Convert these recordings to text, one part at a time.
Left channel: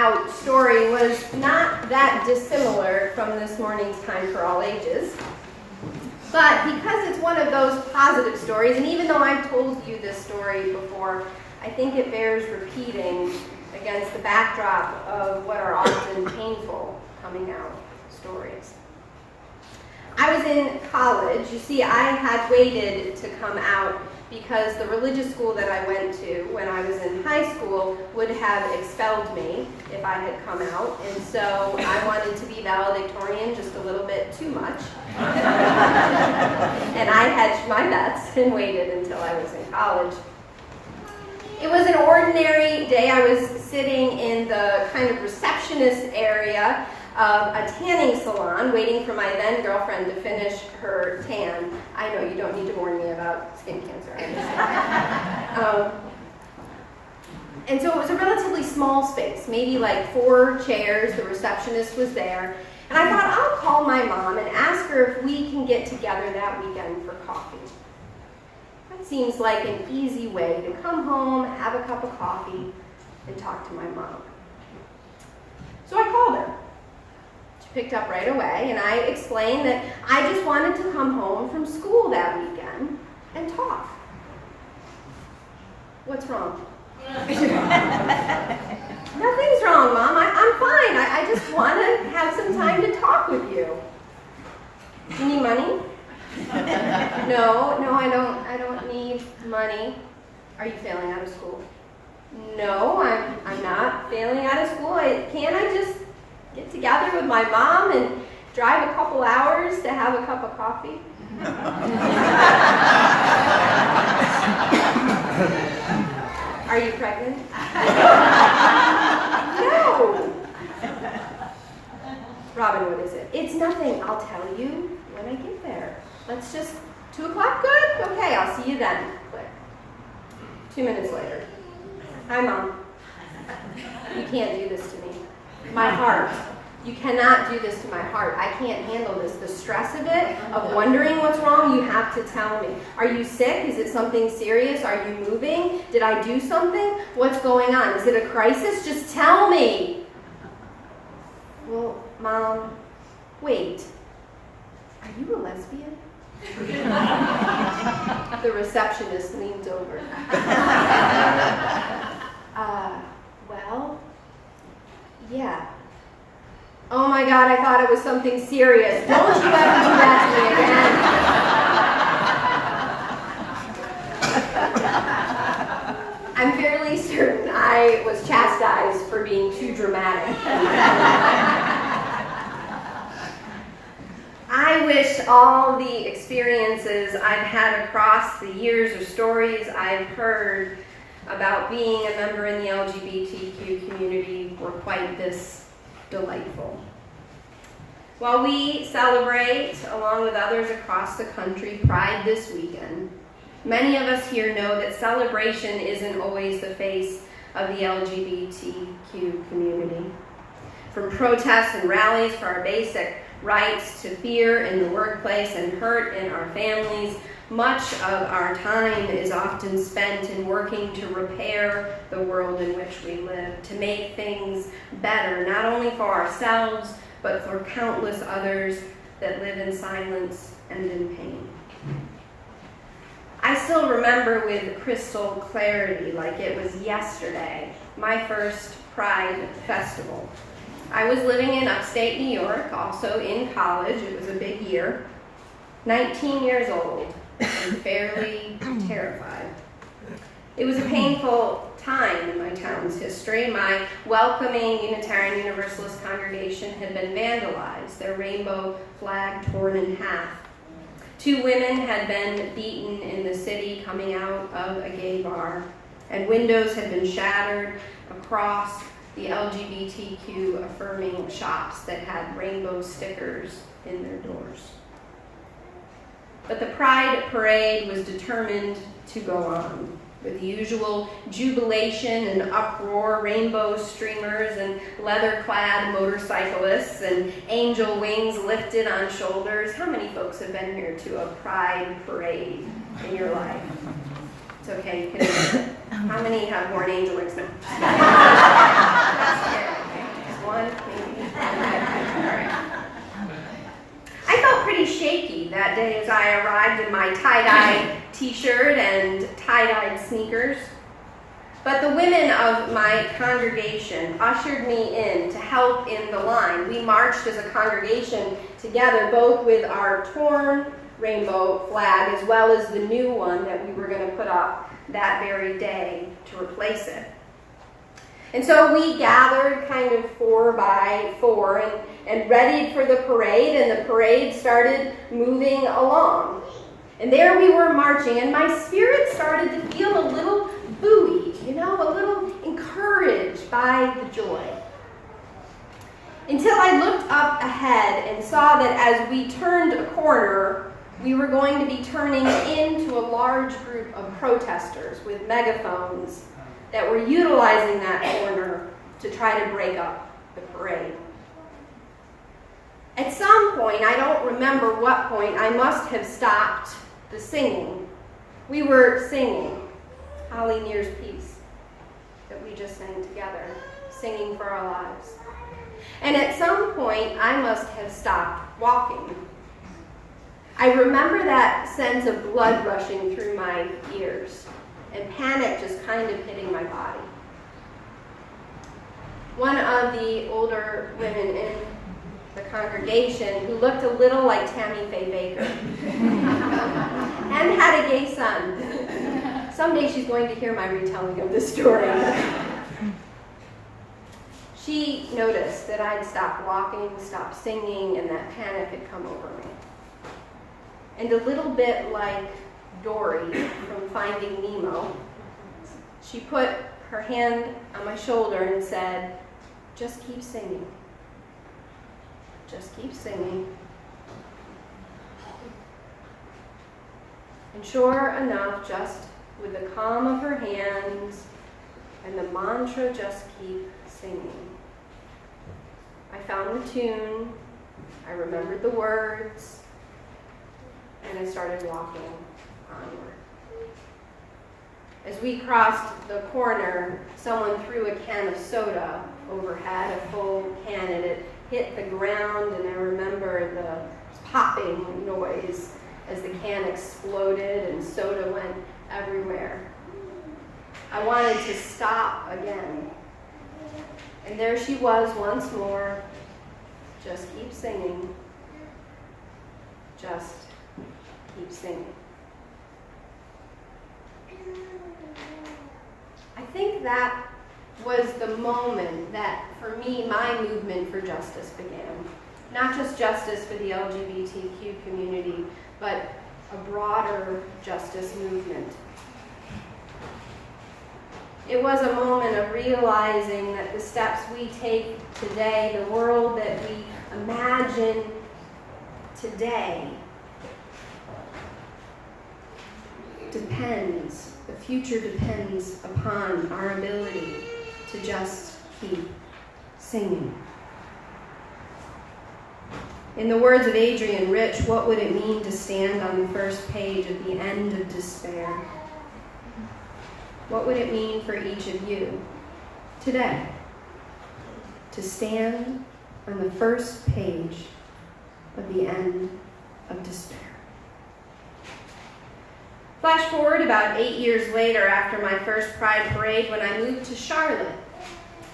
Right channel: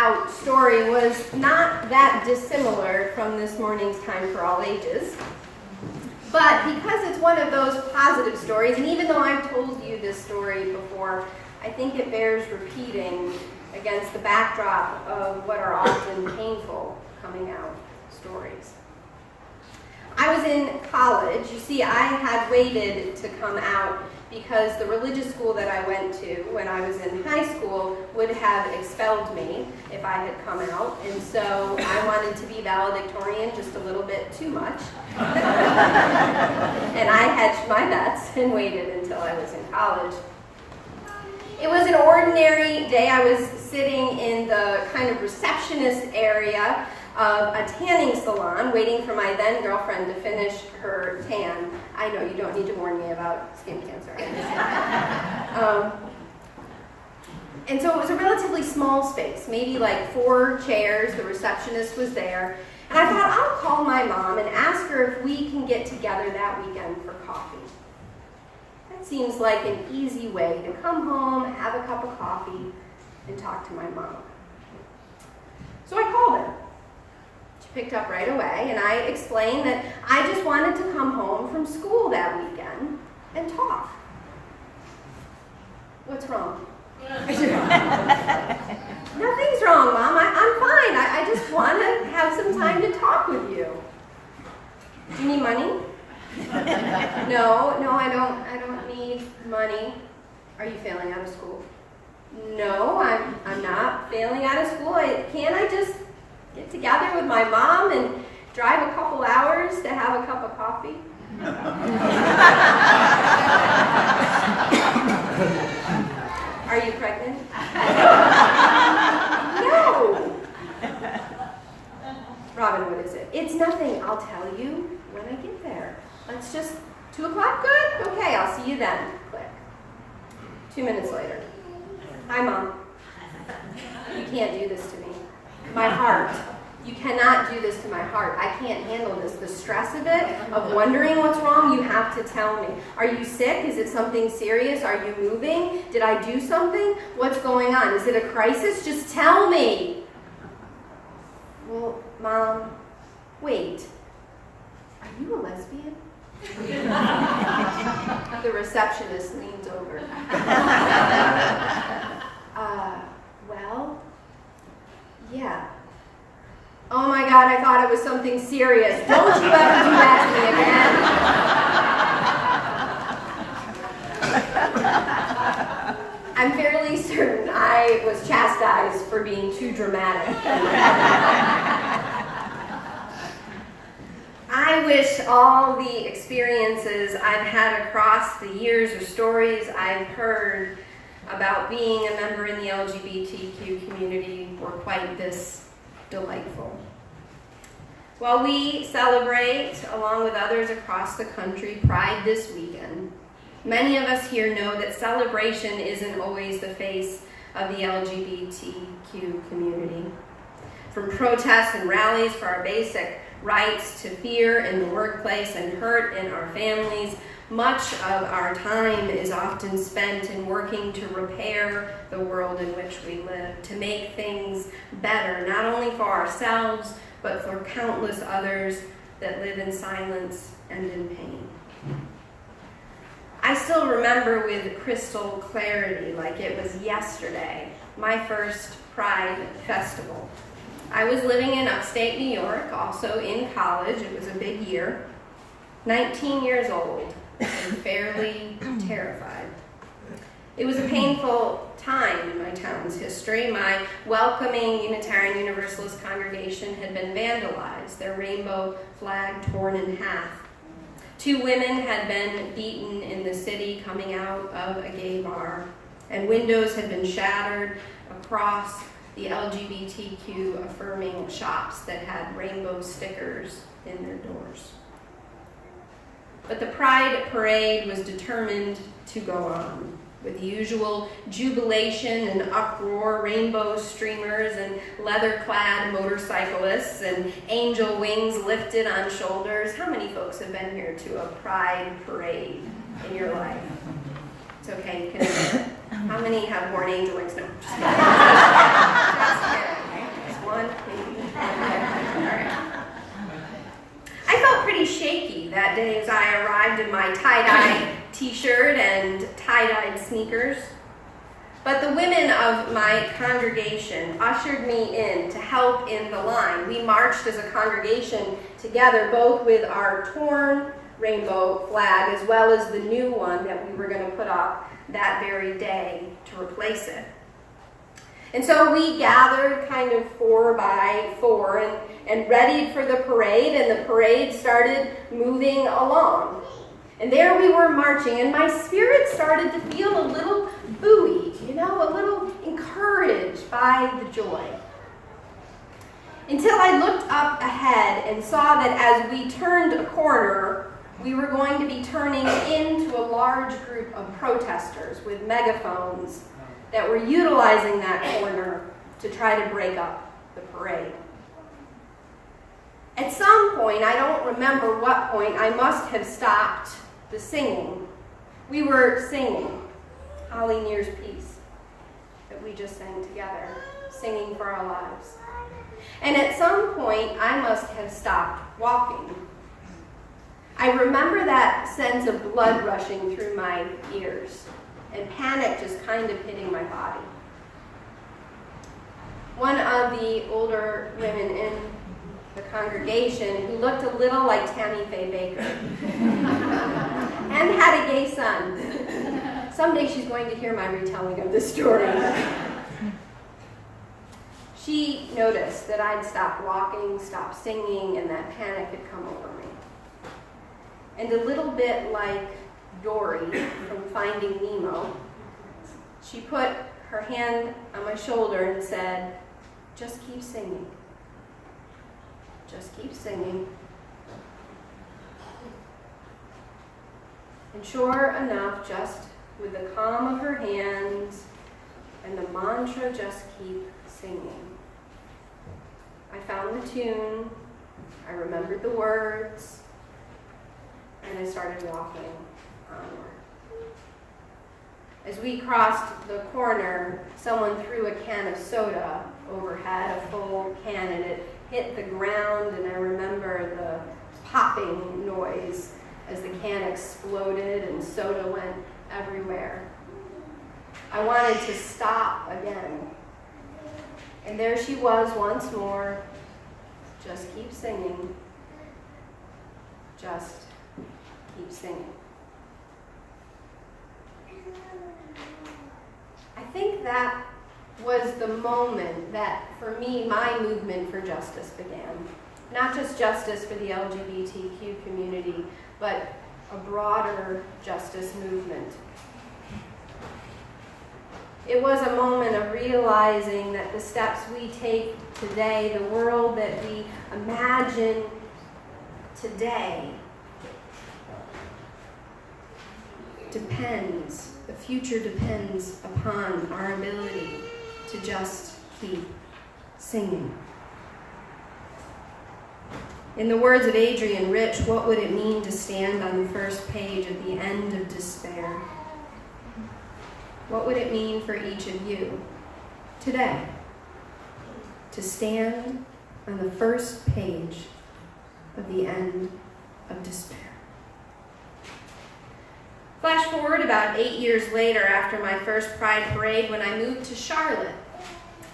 out story was not that dissimilar from this morning's Time for All Ages. But because it's one of those positive stories, and even though I've told you this story before, I think it bears repeating against the backdrop of what are often painful coming out stories. I was in college. You see, I had waited to come out because the religious school that I went to when I was in high school would have expelled me if I had come out. And so I wanted to be valedictorian just a little bit too much. And I hedged my bets and waited until I was in college. It was an ordinary day. I was sitting in the kind of receptionist area of a tanning salon, waiting for my then girlfriend to finish her tan. I know you don't need to warn me about skin cancer. And so it was a relatively small space, maybe like 4 chairs. The receptionist was there. And I thought, I'll call my mom and ask her if we can get together that weekend for coffee. That seems like an easy way to come home, have a cup of coffee, and talk to my mom. So I called her. Picked up right away, and I explained that I just wanted to come home from school that weekend and talk. What's wrong? Nothing's wrong, Mom. I'm fine. I just want to have some time to talk with you. You need money? No, I don't need money. Are you failing out of school? No, I'm not failing out of school. Can't I just get together with my mom and drive a couple hours to have a cup of coffee? Are you pregnant? No. Robin, what is it? It's nothing. I'll tell you when I get there. Let's just, 2 o'clock, good? Okay, I'll see you then. Click. 2 minutes later. Hi, Mom. You can't do this to me. My heart. You cannot do this to my heart. I can't handle this. The stress of it, of wondering what's wrong, you have to tell me. Are you sick? Is it something serious? Are you moving? Did I do something? What's going on? Is it a crisis? Just tell me. Well, Mom, wait. Are you a lesbian? The receptionist leans over. Well, yeah. Oh my God, I thought it was something serious. Don't you ever do that to me again. I'm fairly certain I was chastised for being too dramatic. I wish all the experiences I've had across the years or stories I've heard about being a member in the LGBTQ community were quite this delightful. While we celebrate, along with others across the country, Pride this weekend, many of us here know that celebration isn't always the face of the LGBTQ community. From protests and rallies for our basic rights to fear in the workplace and hurt in our families, much of our time is often spent in working to repair the world in which we live, to make things better, not only for ourselves, but for countless others that live in silence and in pain. I still remember with crystal clarity, like it was yesterday, my first Pride festival. I was living in upstate New York, also in college. It was a big year. 19 years old and fairly terrified. It was a painful time in my town's history. My welcoming Unitarian Universalist congregation had been vandalized, their rainbow flag torn in half. 2 women had been beaten in the city coming out of a gay bar, and windows had been shattered across the LGBTQ affirming shops that had rainbow stickers in their doors. But the Pride Parade was determined to go on, with the usual jubilation and uproar, rainbow streamers and leather-clad motorcyclists and angel wings lifted on shoulders. How many folks have been here to a Pride Parade in your life? It's okay, you can admit it. How many have worn angel wings? No, just kidding. One, maybe. Okay. All right. I felt pretty shaky that day as I arrived in my tie-dye t-shirt and tie-dyed sneakers. But the women of my congregation ushered me in to help in the line. We marched as a congregation together, both with our torn rainbow flag as well as the new one that we were going to put up that very day to replace it. And so we gathered kind of 4 by 4 and readied for the parade, and the parade started moving along. And there we were marching, and my spirit started to feel a little buoyed, a little encouraged by the joy. Until I looked up ahead and saw that as we turned a corner, we were going to be turning into a large group of protesters with megaphones that were utilizing that corner to try to break up the parade. At some point, I don't remember what point, I must have stopped the singing. We were singing Holly Near's Peace that we just sang together, singing for our lives. And at some point, I must have stopped walking. I remember that sense of blood rushing through my ears and panic just kind of hitting my body. One of the older women in the congregation, who looked a little like Tammy Faye Baker and had a gay son. Someday she's going to hear my retelling of this story. She noticed that I'd stopped walking, stopped singing, and that panic had come over me. And a little bit like Dory from Finding Nemo, she put her hand on my shoulder and said, "Just keep singing. Just keep singing." And sure enough, just with the calm of her hands and the mantra, "Just keep singing," I found the tune, I remembered the words, and I started walking onward. As we crossed the corner, someone threw a can of soda overhead, a full can, and it hit the ground, and I remember the popping noise as the can exploded and soda went everywhere. I wanted to stop again. And there she was once more. Just keep singing. Just keep singing. I think that was the moment that, for me, my movement for justice began. Not just justice for the LGBTQ community, but a broader justice movement. It was a moment of realizing that the steps we take today, the world that we imagine today, depends, the future depends upon our ability to just keep singing. In the words of Adrienne Rich, what would it mean to stand on the first page at the end of despair? What would it mean for each of you today to stand on the first page of the end of despair? Flash forward about 8 years later, after my first Pride Parade, when I moved to Charlotte,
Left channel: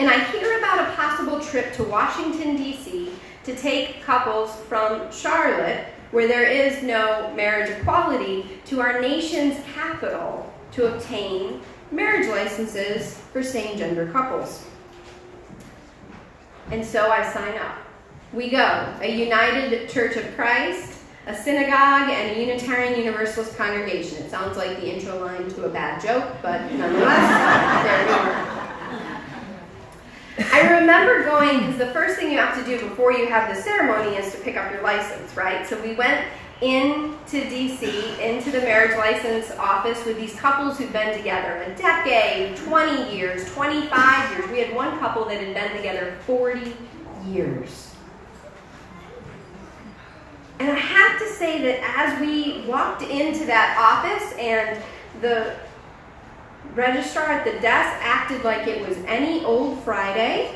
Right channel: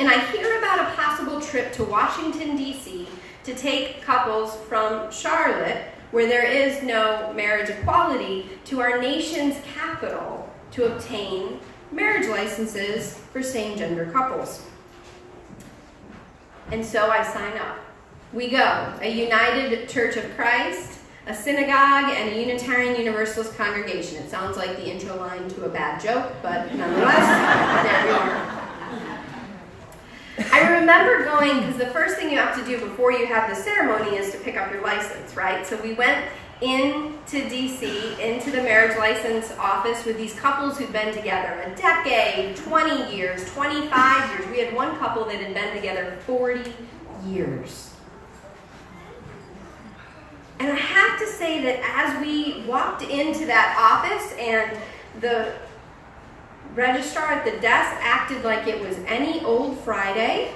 and I hear about a possible trip to Washington, D.C. to take couples from Charlotte, where there is no marriage equality, to our nation's capital to obtain marriage licenses for same-gender couples. And so I sign up. We go, a United Church of Christ, a synagogue, and a Unitarian Universalist congregation. It sounds like the intro line to a bad joke, but nonetheless, there we were. I remember going, because the first thing you have to do before you have the ceremony is to pick up your license, right? So we went into DC, into the marriage license office with these couples who'd been together a decade, 20 years, 25 years. We had one couple that had been together 40 years. And I have to say that as we walked into that office and the registrar at the desk acted like it was any old Friday,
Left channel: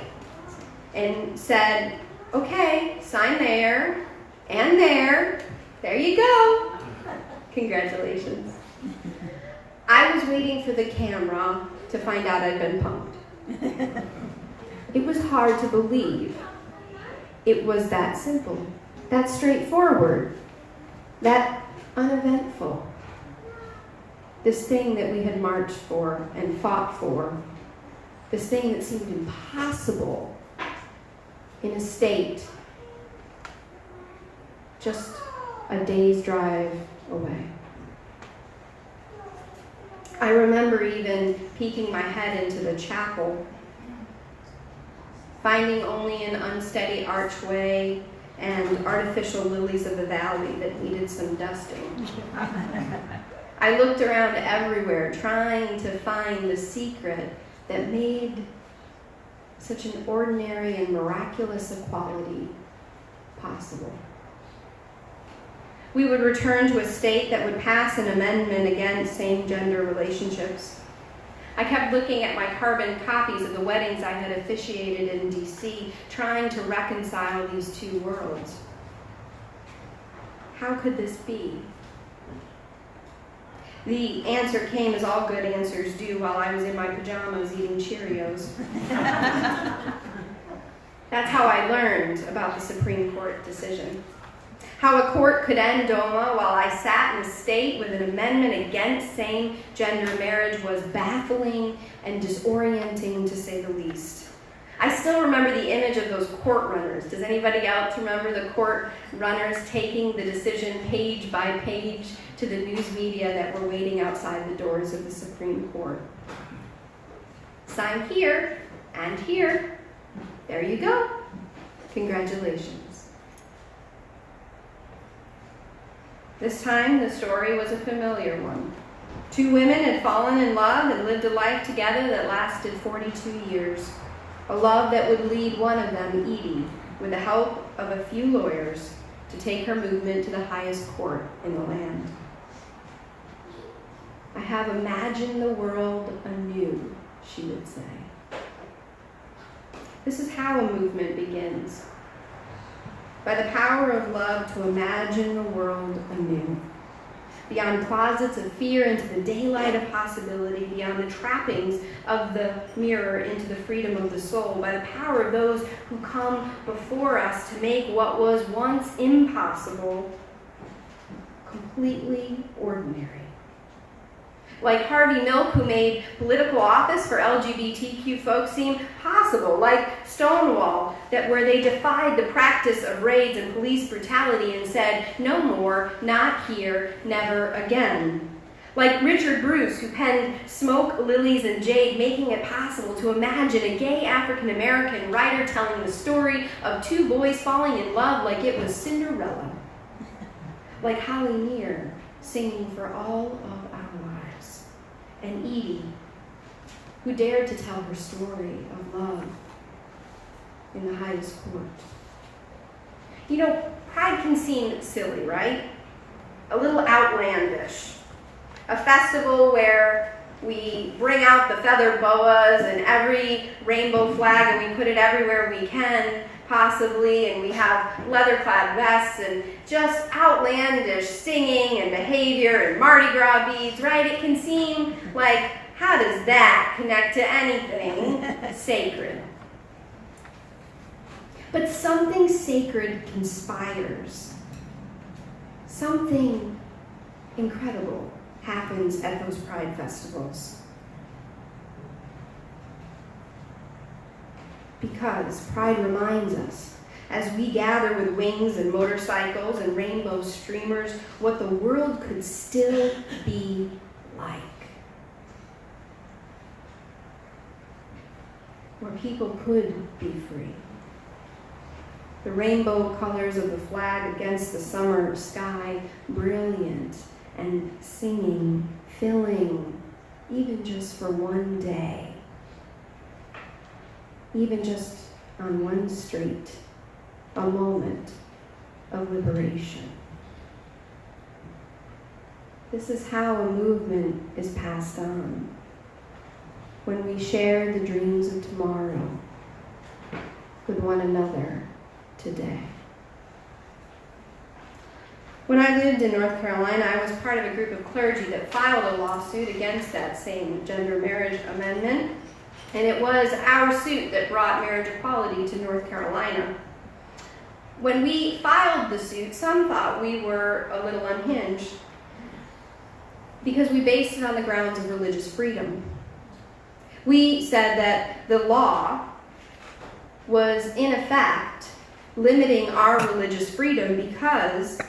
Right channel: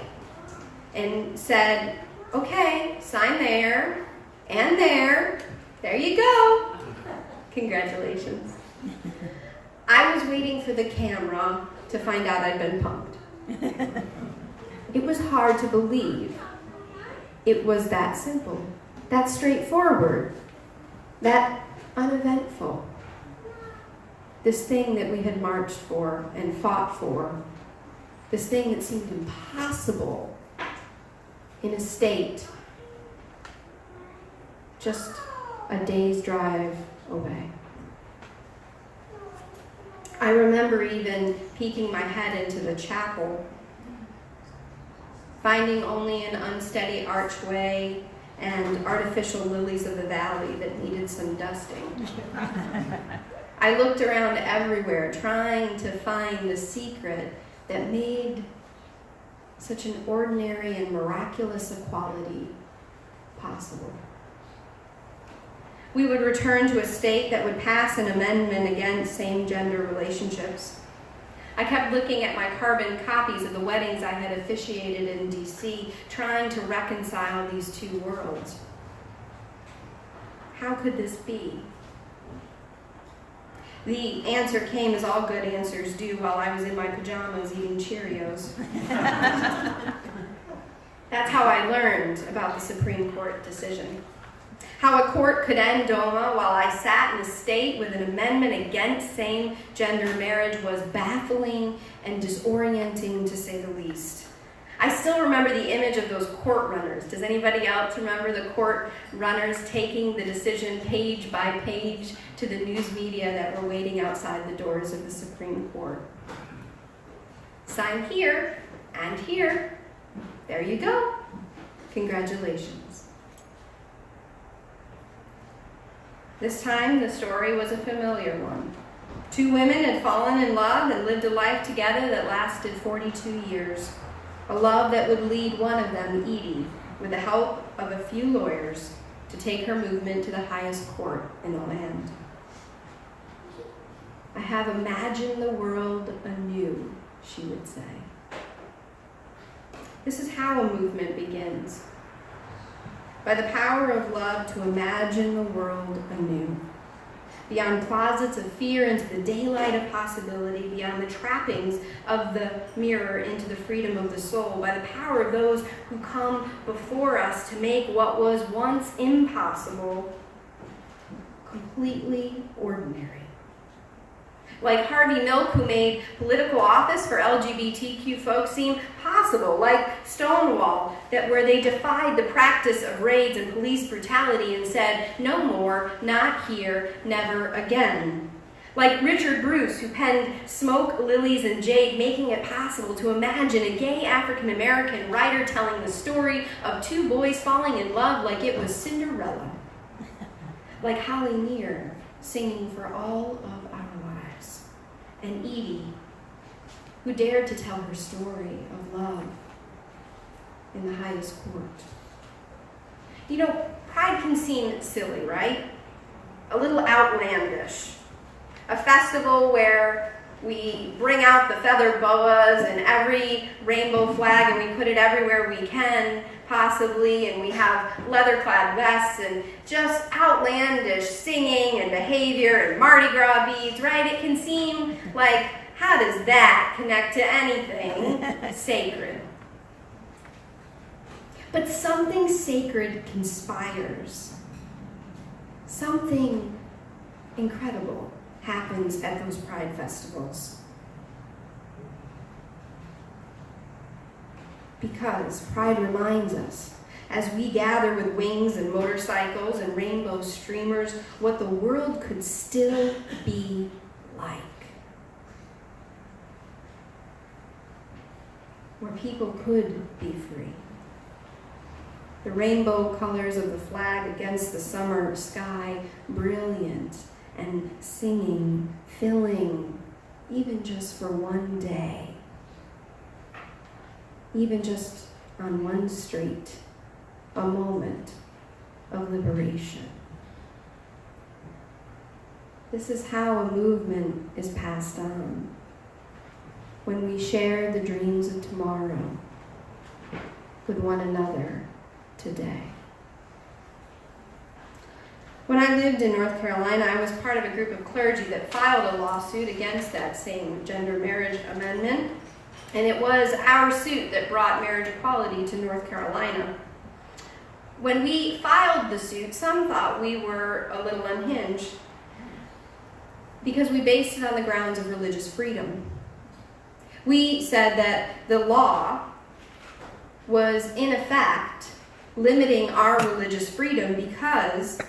and said, okay, sign there and there. There you go. Congratulations. I was waiting for the camera to find out I'd been pumped. It was hard to believe. It was that simple, that straightforward, that uneventful. This thing that we had marched for and fought for, this thing that seemed impossible in a state just a day's drive away. I remember even peeking my head into the chapel, finding only an unsteady archway and artificial lilies of the valley that needed some dusting. I looked around everywhere, trying to find the secret that made such an ordinary and miraculous equality possible. We would return to a state that would pass an amendment against same-gender relationships. I kept looking at my carbon copies of the weddings I had officiated in D.C., trying to reconcile these two worlds. How could this be? The answer came, as all good answers do, while I was in my pajamas eating Cheerios. That's how I learned about the Supreme Court decision. How a court could end DOMA while I sat in a state with an amendment against same-gender marriage was baffling and disorienting, to say the least. I still remember the image of those court runners. Does anybody else remember the court runners taking the decision page by page to the news media that were waiting outside the doors of the Supreme Court? Sign here and here. There you go. Congratulations. This time, the story was a familiar one. Two women had fallen in love and lived a life together that lasted 42 years. A love that would lead one of them, Edie, with the help of a few lawyers, to take her movement to the highest court in the land. I have imagined the world anew, she would say. This is how a movement begins. By the power of love to imagine the world anew. Beyond closets of fear into the daylight of possibility, beyond the trappings of the mirror into the freedom of the soul, by the power of those who come before us to make what was once impossible completely ordinary. Like Harvey Milk, who made political office for LGBTQ folks seem possible. Like Stonewall, where they defied the practice of raids and police brutality and said, no more, not here, never again. Like Richard Bruce, who penned Smoke, Lilies, and Jade, making it possible to imagine a gay African-American writer telling the story of two boys falling in love like it was Cinderella. Like Holly Near, singing for all of our lives. And Edie, who dared to tell her story of love in the highest court. You know, Pride can seem silly, right? A little outlandish. A festival where we bring out the feathered boas and every rainbow flag and we put it everywhere we can, possibly, and we have leather-clad vests and just outlandish singing and behavior and Mardi Gras beads, right? It can seem like, how does that connect to anything sacred? But something sacred conspires. Something incredible happens at those Pride festivals. Because Pride reminds us, as we gather with wings and motorcycles and rainbow streamers, what the world could still be like. Where people could be free. The rainbow colors of the flag against the summer sky, brilliant and singing, filling, even just for one day. Even just on one street, a moment of liberation. This is how a movement is passed on. When we share the dreams of tomorrow, with one another today. When I lived in North Carolina, I was part of a group of clergy that filed a lawsuit against that same gender marriage amendment, and it was our suit that brought marriage equality to North Carolina. When we filed the suit, some thought we were a little unhinged because we based it on the grounds of religious freedom. We said that the law was, in effect, limiting our religious freedom because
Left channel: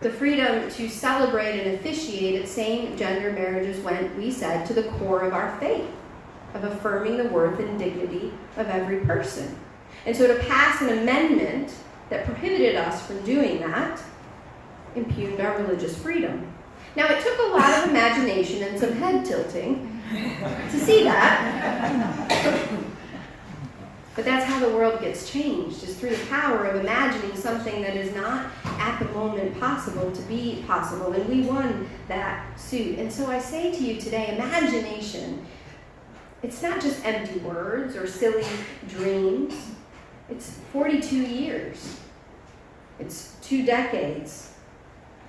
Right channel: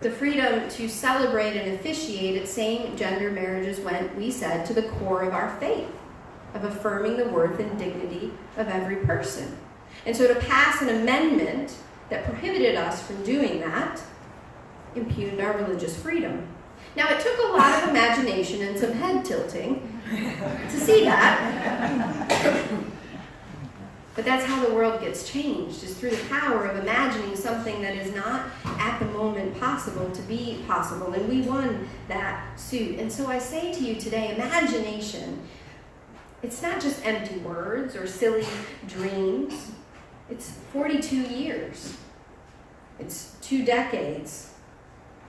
the freedom to celebrate and officiate at same-gender marriages went, we said, to the core of our faith, of affirming the worth and dignity of every person. And so to pass an amendment that prohibited us from doing that impugned our religious freedom. Now, it took a lot of imagination and some head tilting to see that. But that's how the world gets changed, is through the power of imagining something that is not at the moment possible to be possible. And we won that suit. And so I say to you today, imagination, it's not just empty words or silly dreams. It's 42 years. It's 2 decades.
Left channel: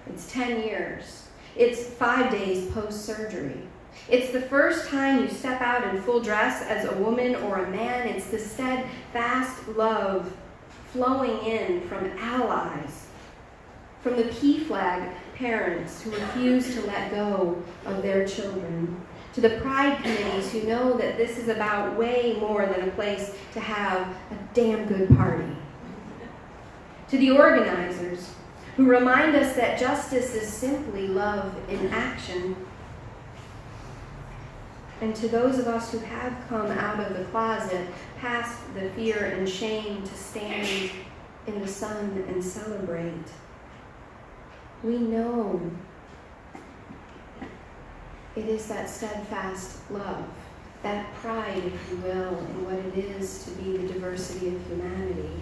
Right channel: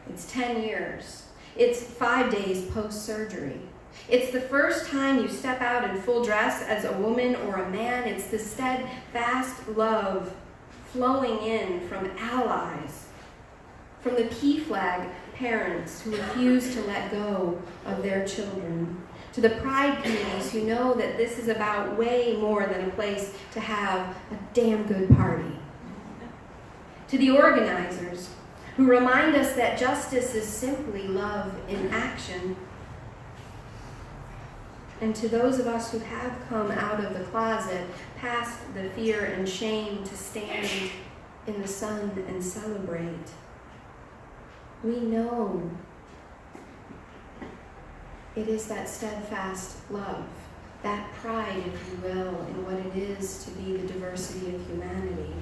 It's 10 years. It's 5 days post-surgery. It's the first time you step out in full dress as a woman or a man. It's the steadfast love flowing in from allies, from the PFLAG parents who refuse to let go of their children, to the pride committees who know that this is about way more than a place to have a damn good party, to the organizers who remind us that justice is simply love in action, and to those of us who have come out of the closet, past the fear and shame, to stand in the sun and celebrate. We know it is that steadfast love, that pride, if you will, in what it is to be the diversity of humanity,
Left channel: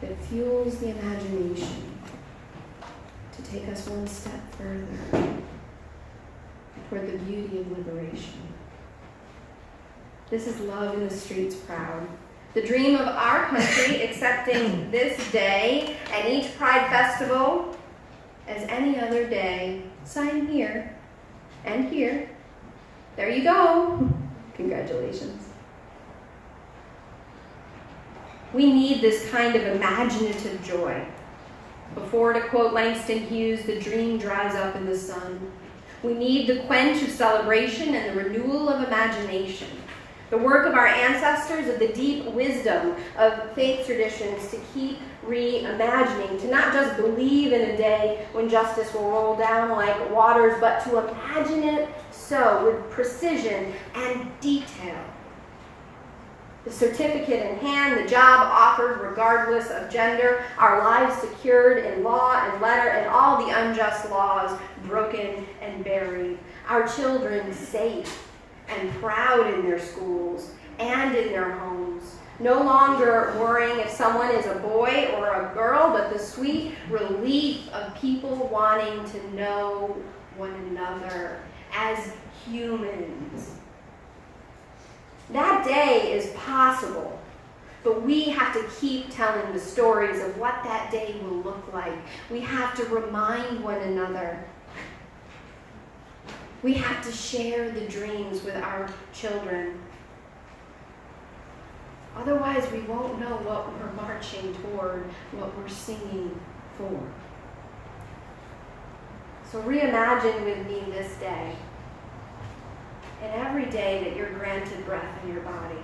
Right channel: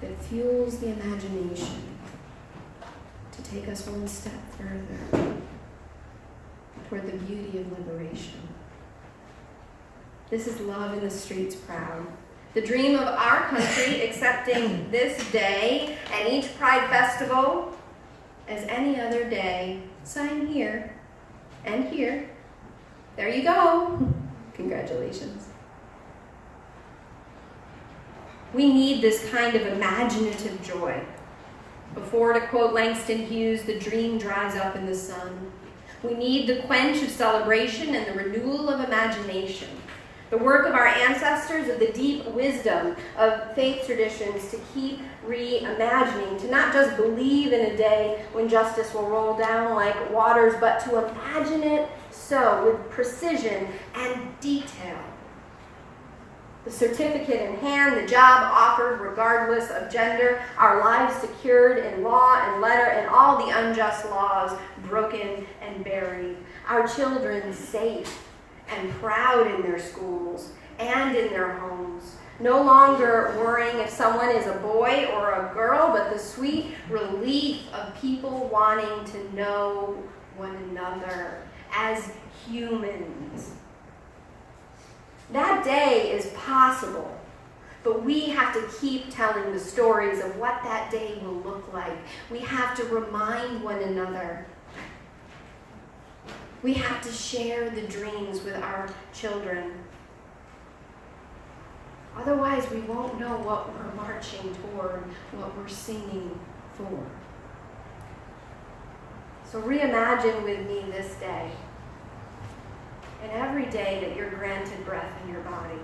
that fuels the imagination to take us one step further toward the beauty of liberation. This is love in the streets proud. The dream of our country accepting this day and each Pride Festival as any other day. Sign here and here. There you go. Congratulations. We need this kind of imaginative joy. Before, to quote Langston Hughes, the dream dries up in the sun. We need the quench of celebration and the renewal of imagination. The work of our ancestors, of the deep wisdom of faith traditions to keep reimagining, to not just believe in a day when justice will roll down like waters, but to imagine it so with precision and detail. The certificate in hand, the job offered regardless of gender, our lives secured in law and letter, and all the unjust laws broken and buried. Our children safe and proud in their schools and in their homes. No longer worrying if someone is a boy or a girl, but the sweet relief of people wanting to know one another as humans. That day is possible, but we have to keep telling the stories of what that day will look like. We have to remind one another. We have to share the dreams with our children. Otherwise, we won't know what we're marching toward, what we're singing for. So reimagine with me this day, and every day that you're granted breath in your body.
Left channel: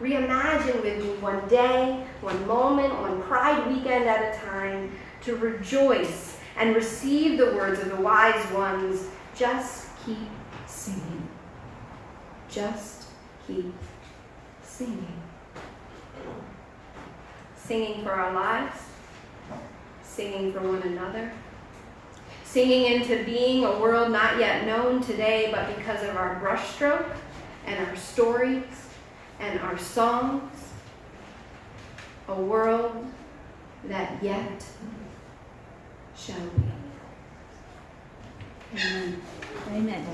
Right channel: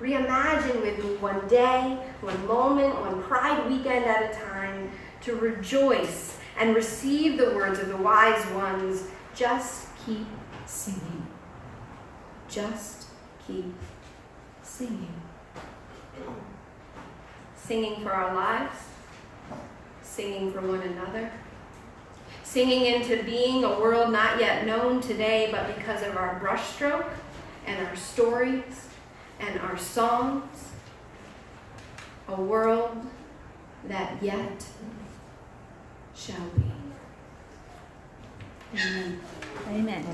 Reimagine with me one day, one moment, one Pride weekend at a time, to rejoice and receive the words of the wise ones. Just keep singing. Just keep singing. Singing for our lives. Singing for one another. Singing into being a world not yet known today, but because of our brushstroke and our stories and our songs. A world that yet shall be. Amen. Amen.